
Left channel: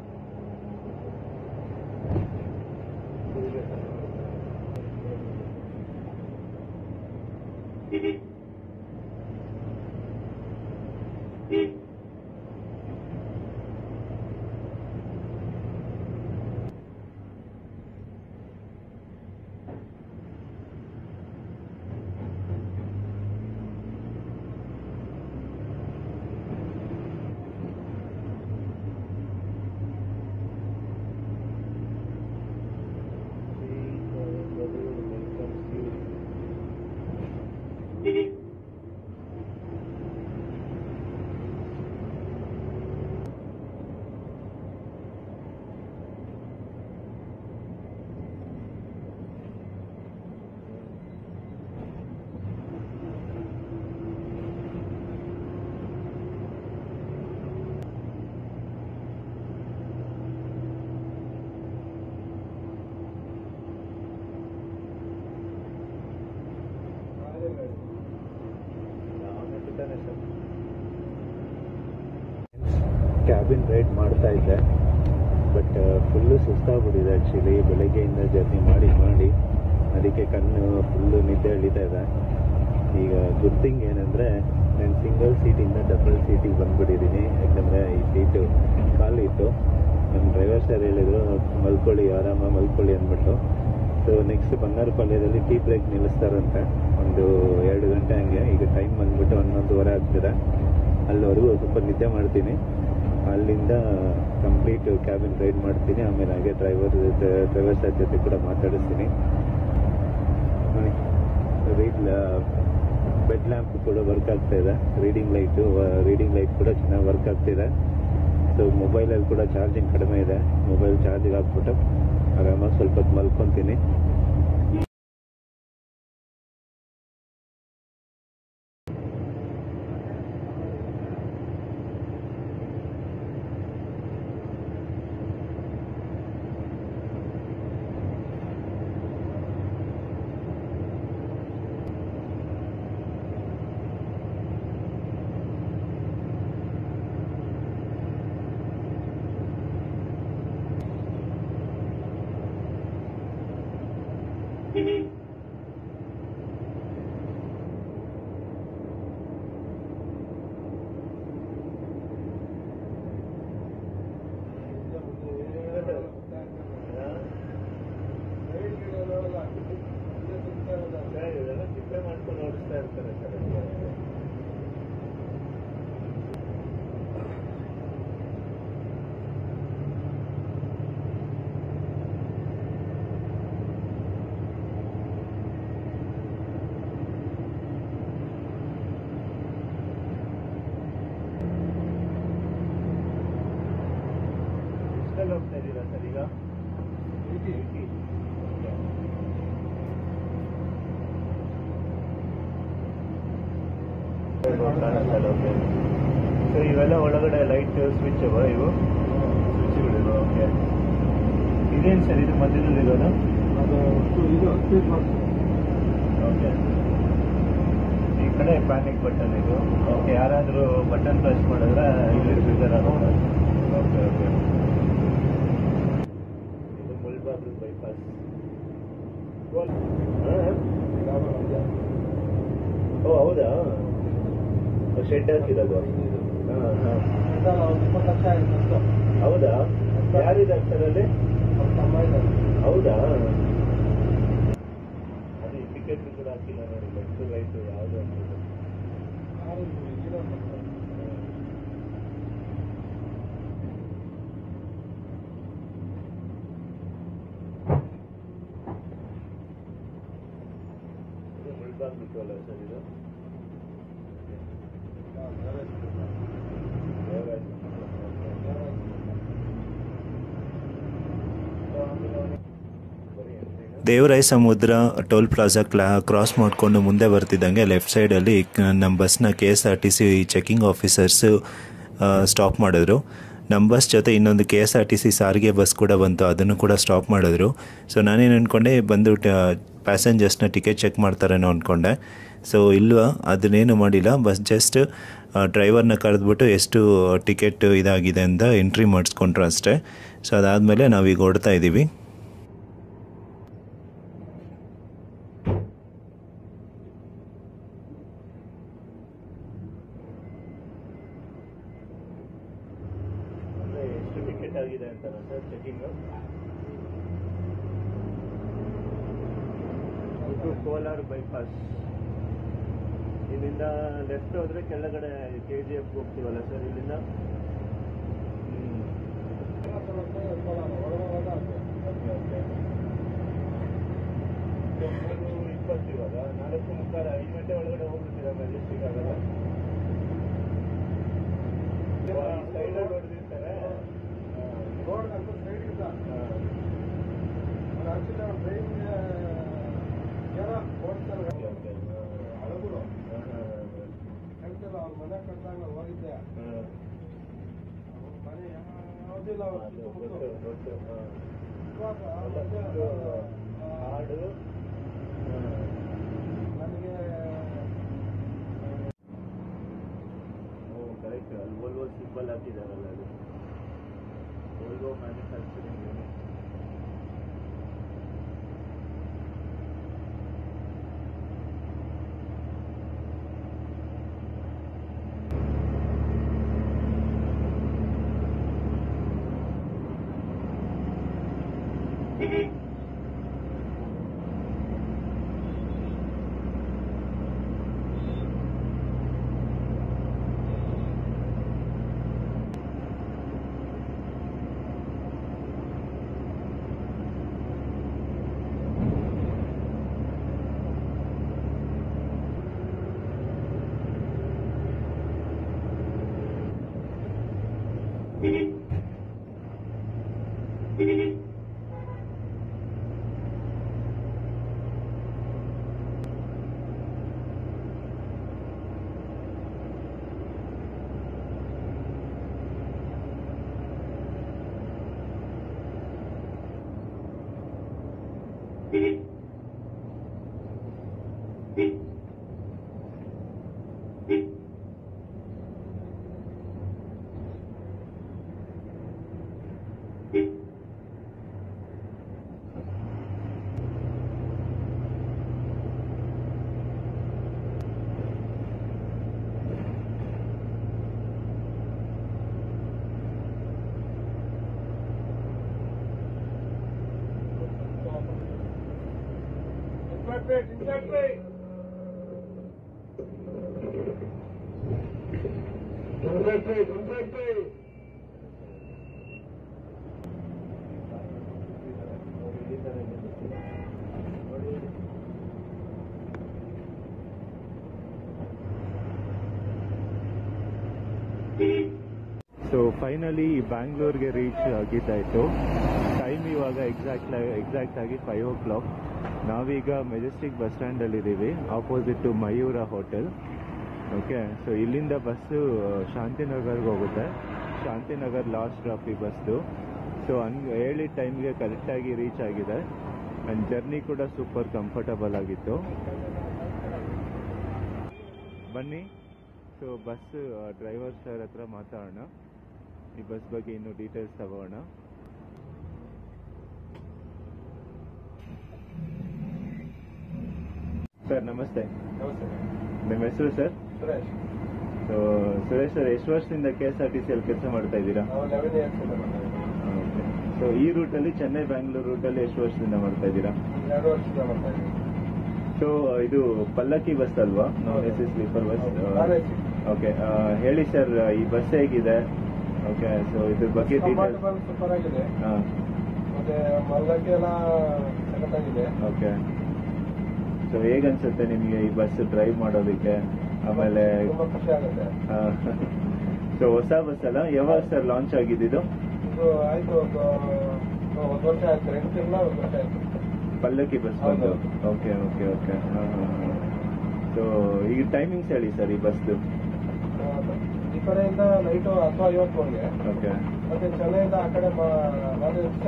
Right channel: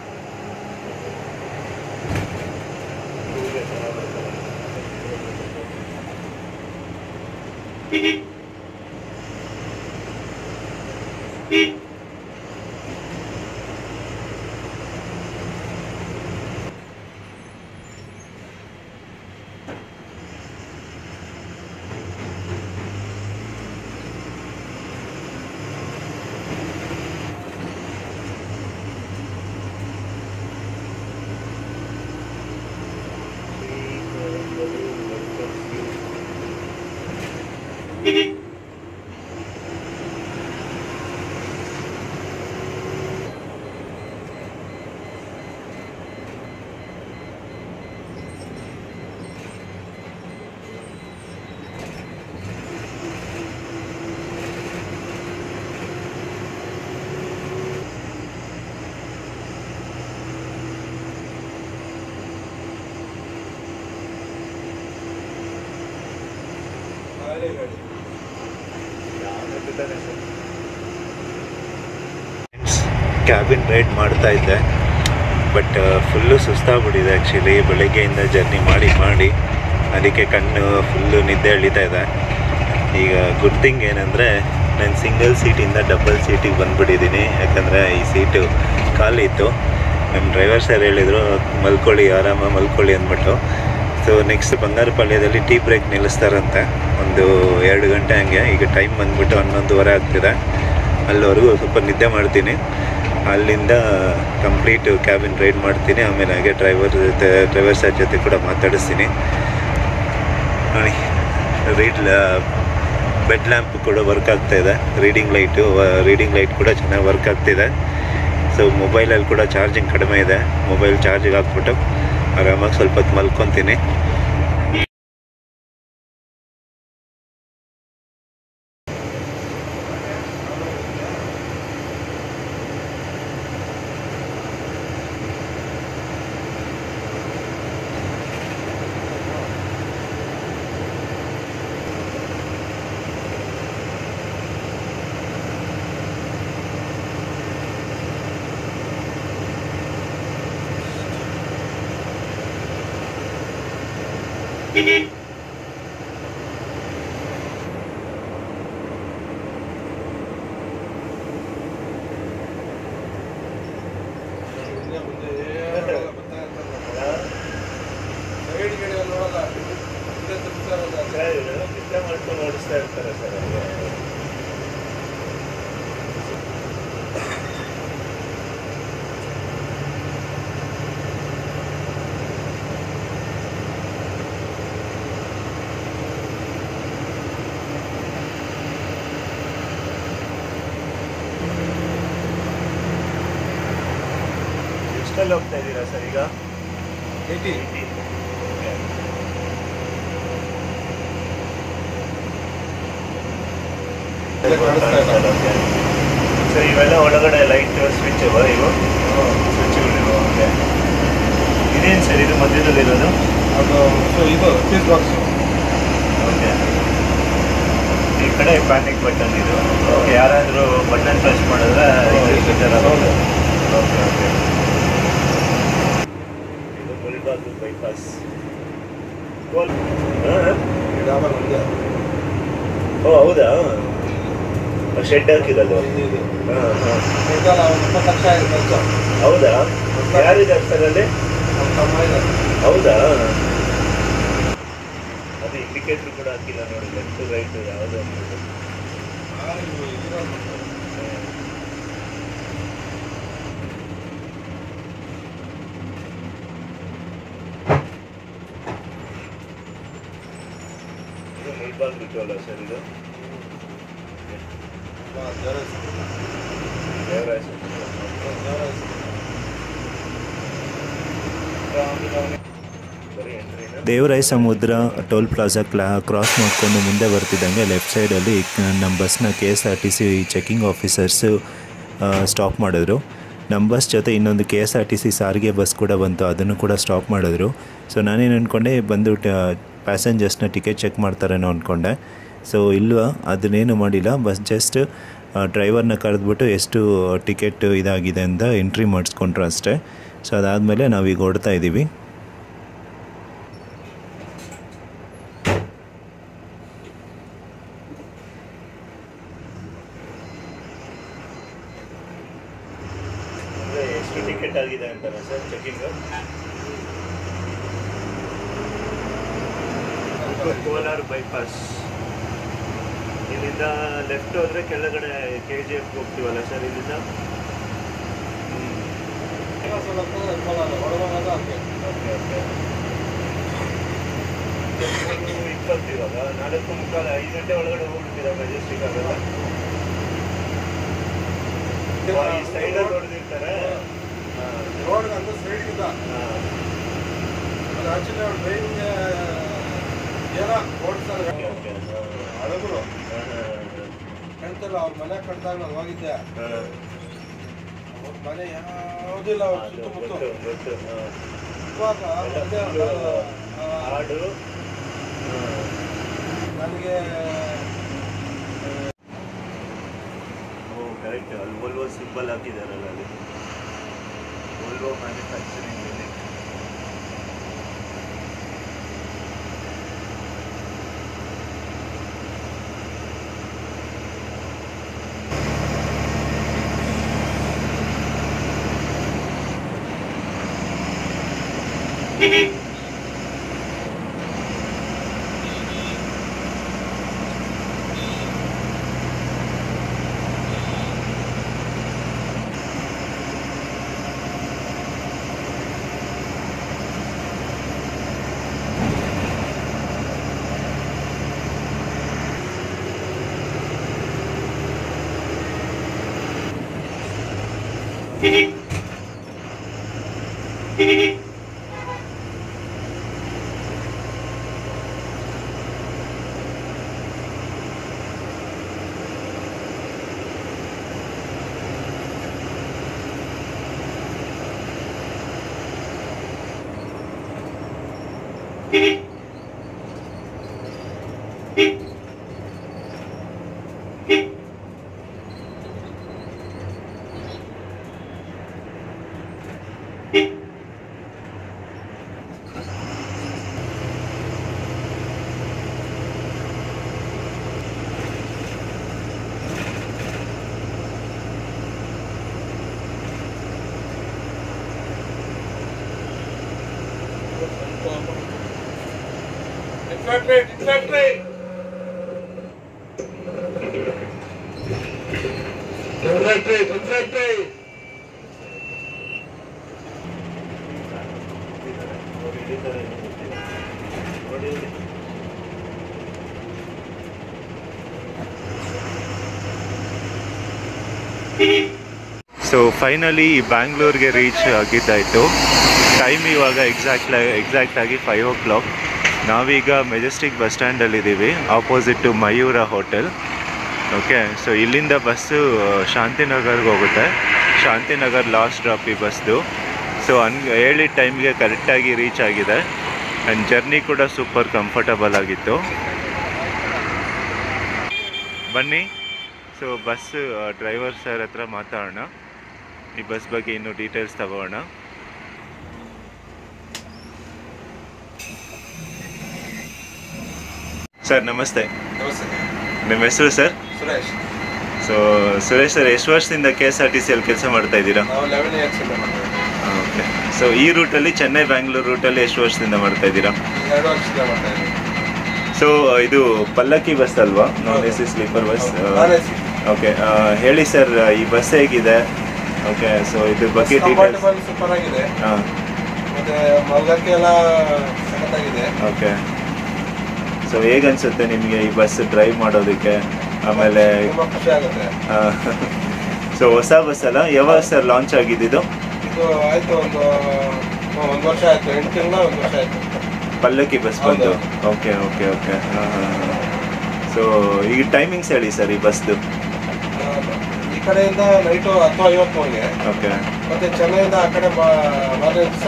ಕ್ಯಾಬಿನ್ ರೈಡ್ ಮಾಡ್ತಾ ಇದ್ದೆ, ಬಟ್ ಫುಲ್ಲು ಸುಸ್ತಾಗ್ಬಿಟ್ಟಿದೆ ಆ್ಯಕ್ಚುಲಿ. ಬೆಳಗ್ಗೆಯಿಂದ ಜರ್ನಿ ಮಾಡಿ ಅದಕ್ಕೆ ಕಣ್ಣು ಫುಲ್ಲು ನಿದ್ದೆ ಎಳಿತಾ ಇದೆ. ಈಗ ಗುಡ್ ಥಿಂಗ್ ಏನಂದರೆ ನಾನು ಸಿಂಗಲ್ ಸೀಟಿಂದ ಡಬಲ್ ಸೀಟಿಗೆ ಬಂದುಬಿಟ್ಟಿದ್ದೀನಿ, ಯಾಕಂದರೆ ಈ ಸೀಟು ಖಾಲಿ ಇತ್ತು. ನಮ್ಮ ಡ್ರೈವರ್ ಸರ್ ಹೇಳಿದರು ಮಲ್ಕೊಳ್ಳಿ, ಆರಾಮಾಗಿ ಮಲ್ಕೊಳ್ಳಿ ಅಂದ್ಬಿಟ್ಟು. ಸೊ ನೆಕ್ಸ್ಟ್ ಬಂಗಾರಪಾಳ್ಯದಲ್ಲಿ ಟೀ ಬ್ರೇಕ್ ನಿಲ್ಲಿಸ್ತಾರಂತೆ ಒಂದು 2 ಗಂಟೆ ಹಂಗೆ. ಈಗ ಟೈಮ್ ಬಂದುಬಿಟ್ಟು 11:15 ಆಗ್ತಿದೆ. ಅಲ್ಲಿವರೆಗೂ ಸ್ವಲ್ಪ ನಿದ್ದೆ ಮಾಡ್ತೀನಿ, ಅಲ್ಲಿಂದ ಕಂಪ್ಲೀಟ್ ಕ್ಯಾಬಿನ್ ರೈಡ್ ಮಾಡ್ತೀನಿ. ಆಮೇಲೆ ಹಾಗೆ ಡ್ರೈವರ್ ಸರ್ ಜೊತೆ ಕೂಡ ಮಾತಾಡಿಸ್ತೀನಿ. ನೋಡಿ, ಬೆಡ್ ಲ್ಯಾಂಪ್ ಕೂಡ ವರ್ಕ್ ಆಗ್ತಾಯಿದೆ, ರೀಡಿಂಗ್ ಲೈಟ್ ಕೂಡ ಚೆನ್ನಾಗಿ ವರ್ಕ್ ಆಗ್ತಿದೆ. ಸೊ ಮೊಬೈಲಲ್ಲಿ ಕೂಡ ಚಾರ್ಜಿಂಗ್ ಕಡಿಮೆ ಇದೆ. ಮೊಬೈಲ್ ಚಾರ್ಜಿಗೆ ಹಾಕ್ಬಿಟ್ಟು ಆರಾಮಾಗಿ ಸ್ವಲ್ಪ ಹೊತ್ತು ಮಲ್ಕೊತೀನಿ. ಮಾಡ್ಕೊಂಡು ಓಡಿಸ್ತಾ ಇರ್ತಾರೆ ಸರ್. ಎಷ್ಟಲ್ಲಿ ಹೋಗ್ತಾ ಇದ್ದೀರಾ ಸರ್ ಈಗ? 80. ಸರ್ ಇವೆಲ್ಲ ಒಳಗಡೆ ಲೈಟ್ ಸ್ವಿಚ್ ಅವ ಇವು ಸ್ವಿಚ್ಗಳಿವೆ. ಓಕೆ, ಇದೇನು ಸರ್ ಇದು ಮಧ್ಯದಲ್ಲಿರೋದು? ಅದು ಇದು ಫೀಸ್ ಬಾಕ್ಸು. ಓಕೆ, ಈ ಕಡೆ ಪ್ಯಾನಿಕ್ ಬಟನ್ ಇದು. ಓಕೆ, ಯಾರಾದರೂ ಬಟನ್ ಪ್ರೆಸ್ ಮಾಡಿದ್ರೆ ಇದು ಸ್ವಿಚರ್ ಆಗುತ್ತೆ. ಓಕೆ ಓಕೆ, ಇದು ಮುಳಬಾಗಿಲು ಬೈಪಾಸ್. ಡಬಲ್ ಒಂದೇ. ಓ ಹೌದಾ, ಶೆಡ್ ಹಾಕಿರೋದು. ಹಾಂ ಹಾಂ, ಇದೆಲ್ಲ ಒಂದು 20 ಲಕ್ಷ ಆಗಿದೆ ಖರ್ಚು. ಹೌದಾ? ಯಾರಿದ್ದಾರೆ ಸರ್ ಅಲ್ಲಿ? ನಮ್ಮ ತಮ್ಮ ಇದ್ದಾರೆ. ಹೌದಾ? ಅದು ಇಂಡಿಕೇಟ್ರ್ ಕೂಡ ಹಾಕಿಲ್ಲ ನೋಡಿ, ಲೆಫ್ಟ್ ರೈಟ್ ಯಾವುದು ಅಂದ್ಬಿಟ್ಟು. ಇದು ಮುಳ್ಬಾಗಿಲು ಟೋಲ್ ಸರ್ ಇದು? ದೇವರಾಯ ಸಮುದ್ರ ಟೋಲ್ ಪ್ಲಾಜಾ ಕ್ರಾಸ್ ಮಾಡಿಕೊಂಡು ಮುಂದೆ ಬರ್ತಿದ್ದಂಗೆ ಲೆಫ್ಟ್ ಸೈಡಲ್ಲಿ ನಮ್ಮ ಬಸ್ನ KSRTC ಚೆಕಿಂಗ್ ಆಫೀಸರ್ಸು ಸ್ಟಾಪ್ ಮಾಡಿದ್ರು. ನಮ್ಮ ಬಸ್ ಜೊತೆ ಇನ್ನೊಂದು KSRTC ಸಾರಿಗೆ ಬಸ್ ಕೂಡ ಬಂತು, ಅದನ್ನು ಕೂಡ ಸ್ಟಾಪ್ ಮಾಡಿದ್ರು. ಸೊ ನಾನೇನು ಅಂದ್ಕೊಂಡೆ, ಬಂದು ಪ್ಯಾಸೆಂಜರ್ಸ್ನ ಟಿಕೆಟ್ ಚೆಕ್ ಮಾಡ್ತಾರೇನೋ ಅಂದ್ಕೊಂಡೆ. ಸೊ ಇಲ್ವಾ, ಅದನ್ನೇನು ಮಾಡಿಲ್ಲ. ಬಸ್ ಜಸ್ಟ್ ಡ್ರೈವರ್ನ ಕರೆದ್ಬಿಟ್ಟು ಎಷ್ಟು ಟಿಕೆಟ್ ಇದಾಗಿದೆ ಅಂತ ಎಂಟ್ರಿ ಮಾಡಿಸ್ಕೊಂಡ್ರು ಅಷ್ಟೇ. ಸೊ ಅದಾದಮೇಲೆ ನಾವೀಗ ಹೊಡ್ತಾ ಇದ್ದೀವಿ. ಎಷ್ಟು ಟಿಕೆಟ್ ಆಗಿದೆ ಅಂತಾನೆ ಸರ್ ಚೆಕಿಂಗು? ಕೋಲಾರ ಬೈಪಾಸ್ ಇಲ್ಲಿಂದ ಲೆಫ್ಟ್ ಹೋದರೆ ಕೆಳಗಡೆ KGF ಹೋಗ್ತೀವಲ್ಲ ಸರ್ ಇಲ್ಲಿಂದ? ಓಕೆ ಓಕೆ, 20 ಇವಾಗ 4:45 5 ಗಂಟೆ ಒಳಗಡೆ ಹೋಗ್ಬಿಡ್ತೀರಾ ಮೆಜೆಸ್ಟಿಕ್ ಆಗಲ್ಲ? ಈ ಸೈಡಲ್ಲಿ ಹೊಡೆದಿರ್ತಾರೆ. ರೋಡ್ಗಂತೂ ಸೈಡಿಗಿಂತ ಅದು ಆಕ್ಚುಲಿ ಅವ್ರು ಡ್ರೈವಿಂಗ್ ಏನೋ ಓಡಿಸ್ತಾರೆ. ಹಳಬರು ಹೇಳ್ತಾರೆ, ಅವ್ರ ಮನೆ ಕಟ್ಟಾಗ ನಾನು ಹೋಗಿದ್ದೆ. ಅವ್ರ ಮನೆ ಯಾವುದಿಲ್ಲ, ಅವ್ರ ಸುತ್ತಮುತ್ತ ಹಾಡು ನನಗೆ ಕರೆಕ್ಟ್. ಅಲ್ಲಿ ವೋಲ್ವೋ ಸಿಂಬಲ್ ಹಾಕಿದಾರಲ್ಲ, ಅಲ್ಲಿ Volvo manufacturing unit. So finally ಬ್ಯಾಂಗ್ಳೂರ್ಗೆ ರೀಚ್ ಆಗಿದ್ದಾಯಿತು. ಟೈಮ್ ಇವಾಗ ಎಕ್ಸಾಕ್ಟಾಗಿ 5 o'clock. ನಾವೀಗ ಮೆಜೆಸ್ಟಿಕ್ ಬಸ್ ಸ್ಟ್ಯಾಂಡಲ್ಲಿದ್ದೀವಿ, opposite to Mayura hotel. Okay, so ಇಲ್ಲಿಂದ ಬಸ್ಸು ಶಾಂತಿನಗರ್ಗೆ ಹೋಗುತ್ತೆ. ಶಾಂತಿನಗರ್ ಲಾಸ್ಟ್ ಡ್ರಾಪ್ ಈ ಬಸ್ದು. ಸೊ ಹೇಳಿದ ಟೈಮ್ಗೆ ಕರೆಕ್ಟಾಗಿ ರೀಚ್ ಆಗಿದೆ. ಆ್ಯಂಡ್ ಜರ್ನಿ ಕೂಡ ಸೂಪರ್ ಕಂಫರ್ಟಬಲ್ ಆಗಿತ್ತು. ಬನ್ನಿ, ಸೊ ಬಸ್ ಡ್ರೈವರ್ ಸರ್ ಹತ್ರ ಮಾತಾಡೋಣ, ಈ ಬಸ್ ಬಗ್ಗೆ ಇನ್ನೂ ಡೀಟೇಲ್ಸ್ ತಗೋಣ. ಸರ್ ನಮಸ್ತೆ. ನಮಸ್ತೆ. ನಿಮ್ಮ ಹೆಸರು sir? Suresh. So Suresh sir, ಎಷ್ಟು ವರ್ಷದಿಂದ KSRTCಯಲ್ಲಿ ಕೆಲಸ ಮಾಡ್ತಾ ಇದ್ದೀರಾ? ನಾವು 11 years ಇಂದ ಮಾಡ್ತಾ ಇದ್ದೀವಿ. ಓಕೆ, ಸೊ ಈ ರೂಟಲ್ಲಿ ಚೆನ್ನೈ ಬ್ಯಾಂಗ್ಳೂರು ರೂಟಲ್ಲಿ ಎಷ್ಟು ವರ್ಷದಿಂದ ಮಾಡ್ತಾ ಇದ್ದೀರಾ? 2 ವರ್ಷದಿಂದ ಮಾಡ್ತಾ ಇದ್ದೀವಿ. ಸೊ ಇದು ಪಲ್ಲಕ್ಕಿ ಬಸ್ ಅಲ್ವಾ? ನಾನ್ AC ಸ್ಲೀಪರ್ ಬಸ್. ಓಕೆ, ಹೇಳಿ ಸರ್, ಈ ಬಸ್ ಹೇಗಿದೆ? ಓಕೆ, ಸೊ ಇದ್ರ ಬಗ್ಗೆ ಡೀಟೇಲ್ಸ್. ಸೂಪರ್ ಆಗಿದೆ. ಹಾಂ, ಮತ್ತೆ ಮಲ್ಗಕ್ಕೆ ಎಲ್ಲ ಸಖತ್ತಾಗಿದೆ. ಓಕೆ. ಸೊ ಹೇಗನ್ಸುತ್ತೆ ನಿಮಗೆ ಈ ಬಸ್ ಡ್ರೈವ್ ಮಾಡೋದಕ್ಕೆ? ಆಮೇಲೆ ತುಂಬ ಖುಷಿ ಆಗುತ್ತೆ. ಸೊ ಹೊಸ ಬಸ್ ಅಲ್ಲ, ಯಾವಾಗ ಸರ್ ಲಾಂಚ್ ಆಗಿದ್ದು? ಇದು ಆಯ್ತು ಒಂದು ವರ್ಷ ಆಯ್ತು, 8 ತಿಂಗಳ 1 ವರ್ಷ ಆಯ್ತು ಪಲ್ಲಕ್ಕಿ ಬಸ್ ಬಂದು. Okay okay okay. ಸೊ ಈಗ ಟೈಮಿಂಗ್ಸ್ ಹೇಳಿ ಸರ್ ಈ ಬಸ್ದು. ಈ ಕಡೆಯಿಂದ ನೈಟು 10:50 ಓಕೆ. ಮತ್ತೆ ಚೆನ್ನೈಯಿಂದ ಆ ಕಡೆ ಮಾರನೇ ದಿವಸ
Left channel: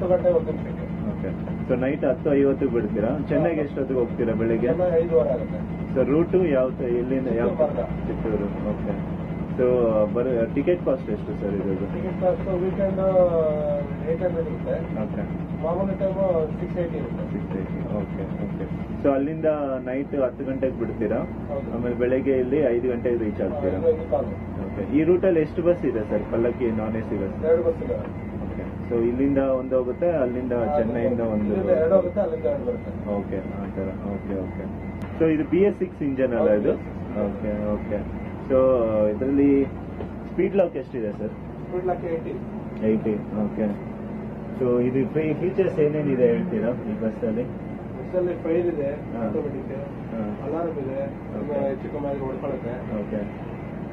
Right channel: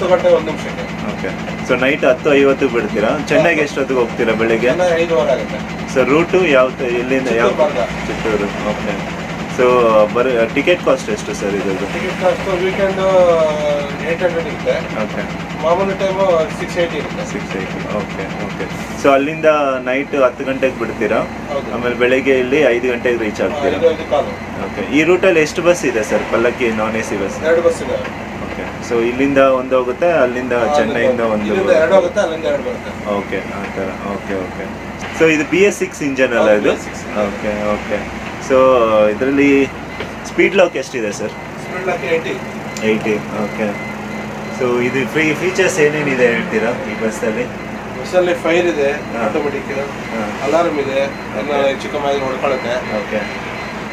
10 ಗಂಟೆ 1 ನಿಮಿಷಕ್ಕೆ. ಓಕೆ, ಸೊ ನೈಟ್ 10:50 ಬಿಡ್ತೀರಾ? ಚೆನ್ನೈಗೆ ಎಷ್ಟೊತ್ತಿಗೆ ಹೋಗ್ತೀರಾ? ಬೆಳಿಗ್ಗೆ ಚೆನ್ನೈ 5:15 ಆಗುತ್ತೆ. ಸೊ ರೂಟು ಯಾವ ಎಲ್ಲಿಂದ? ಯಾವ? Chittoor. Okay. So ticket cost ಎಷ್ಟು ಸರ್ ಇದ್ರದ್ದು? ಟಿಕೆಟ್ ಕಾಸ್ಟ್ ವೀಕೆಂಡ್ 800 ಇರುತ್ತೆ. ಓಕೆ. ಮಾಮೂಲಿ ಟೈಮು 680 ಇರುತ್ತೆ. 680. Okay okay. ಸೊ ಅಲ್ಲಿಂದ ನೈಟ್ 10 ಗಂಟೆಗೆ ಬಿಡ್ತೀರಾ? ಹೌದು. ಆಮೇಲೆ ಬೆಳಗ್ಗೆ ಇಲ್ಲಿ 5 ಗಂಟೆಗೆ ರೀಚ್ ಆಗ್ತೀರಾ? 5 ಕಾಲು. ಓಕೆ. ಈ ರೂಟಲ್ಲಿ ಎಷ್ಟು ಬಸ್ ಇದೆ ಸರ್? ಪಲ್ಲಕ್ಕಿ ನಾನ್ AC ಬಸ್? 2 ಬಸ್ ಇದೆ. ಓಕೆ. ಸೊ ಇಲ್ಲಿಂದ ಒಂದು ಹೋಗುತ್ತೆ, ಅಲ್ಲಿಂದ ಚೆನ್ನೈಯಿಂದ ಒಂದು? ಇಲ್ಲಿಂದ 2 ಹೋಗುತ್ತೆ, ಅಲ್ಲಿಂದ 2 ಬರುತ್ತೆ. ಓಕೆ, ಆ ಥರ. Okay okay. ಸೊ ಇದು BS6 ಇಂಜನ್ ಅಲ್ಲ ಇದು? Okay okay. ಸೊ ಇದರಲ್ಲಿ ಸ್ಪೀಡ್ ಲಾಕ್ ಎಷ್ಟಿದೆ sir? Speed lock 80. Okay. So ಇದು ಫೀಚರ್ಸ್ ಏನೇನಿದೆ ಹೇಳ್ತೀರಾ ಈ ಬಸ್ಸಲ್ಲಿ? ಬಸ್ಸಲ್ಲಿ ಫೈರ್ ಇದೆ, ಹಾ. ಆಟೋಮೆಟಿಕ್ ಹಾಂ. ಅಲಾರ್ಮ್ ಇದೆ, ಹೆಚ್ಚು ಕಮ್ಮಿ ಆಗಿ ಹೊಡ್ಕೊಳ್ಳುತ್ತೆ. ಓಕೆ.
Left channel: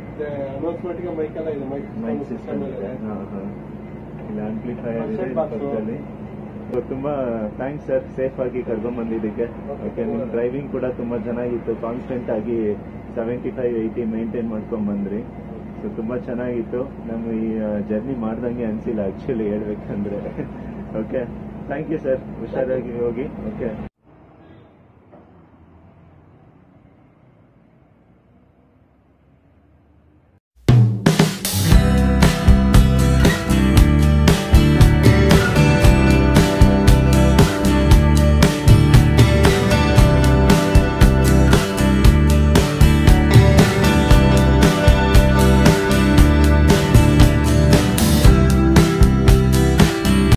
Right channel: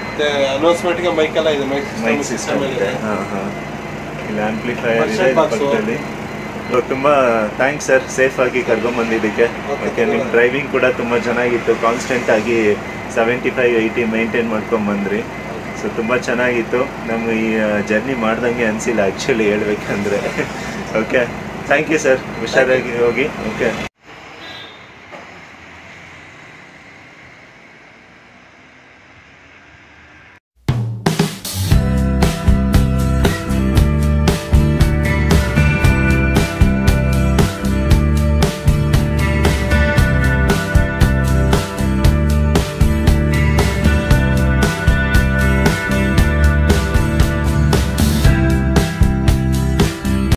ಮತ್ತೆ ಅನೌನ್ಸ್ಮೆಂಟ್ಗೆ ಮೈಕ್ ಎಲ್ಲ ಇದೆ, ಮೈಕ್ ಸಿಸ್ಟಮ್ ಇದೆ. ಹಾಂ ಹಾಂ. ಇಲ್ಲಿ ಆಂಪ್ಲಿಫೈಯರ್ ಇದೆ Function box. ಪಕ್ಕದಲ್ಲಿ. ಸೊ ತುಂಬ ಥ್ಯಾಂಕ್ಸ್ ಸರ್, ಸೇಫಾಗಿ ಕರ್ಕೊಂಬಂದಿದ್ದಕ್ಕೆ. ಓಕೆ, ನಿಮ್ಮ ಡ್ರೈವಿಂಗ್ ಕೂಡ ತುಂಬ ಚೆನ್ನಾಗಿತ್ತು. ಕಾನ್ಸ್ಟೆಂಟಾಗಿ 75-80 ಮೇಂಟೈನ್ ಮಾಡ್ಕೊಂಬಂದ್ರಿ. ಸೊ ತುಂಬ ಚೆನ್ನಾಗಿತ್ತು. ನಮ್ಗೆ ಈ ಜರ್ನಿ ಮಾಡ್ದಂಗೆ ಅನಿಸಿಲ್ಲ ಆ್ಯಕ್ಚುಲಿ ಹೇಳ್ಬೇಕಂದ್ರೆ. Okay, thank you sir. ಹುಷಾರಾಗಿ ಹೋಗಿ. ಓಕೆ.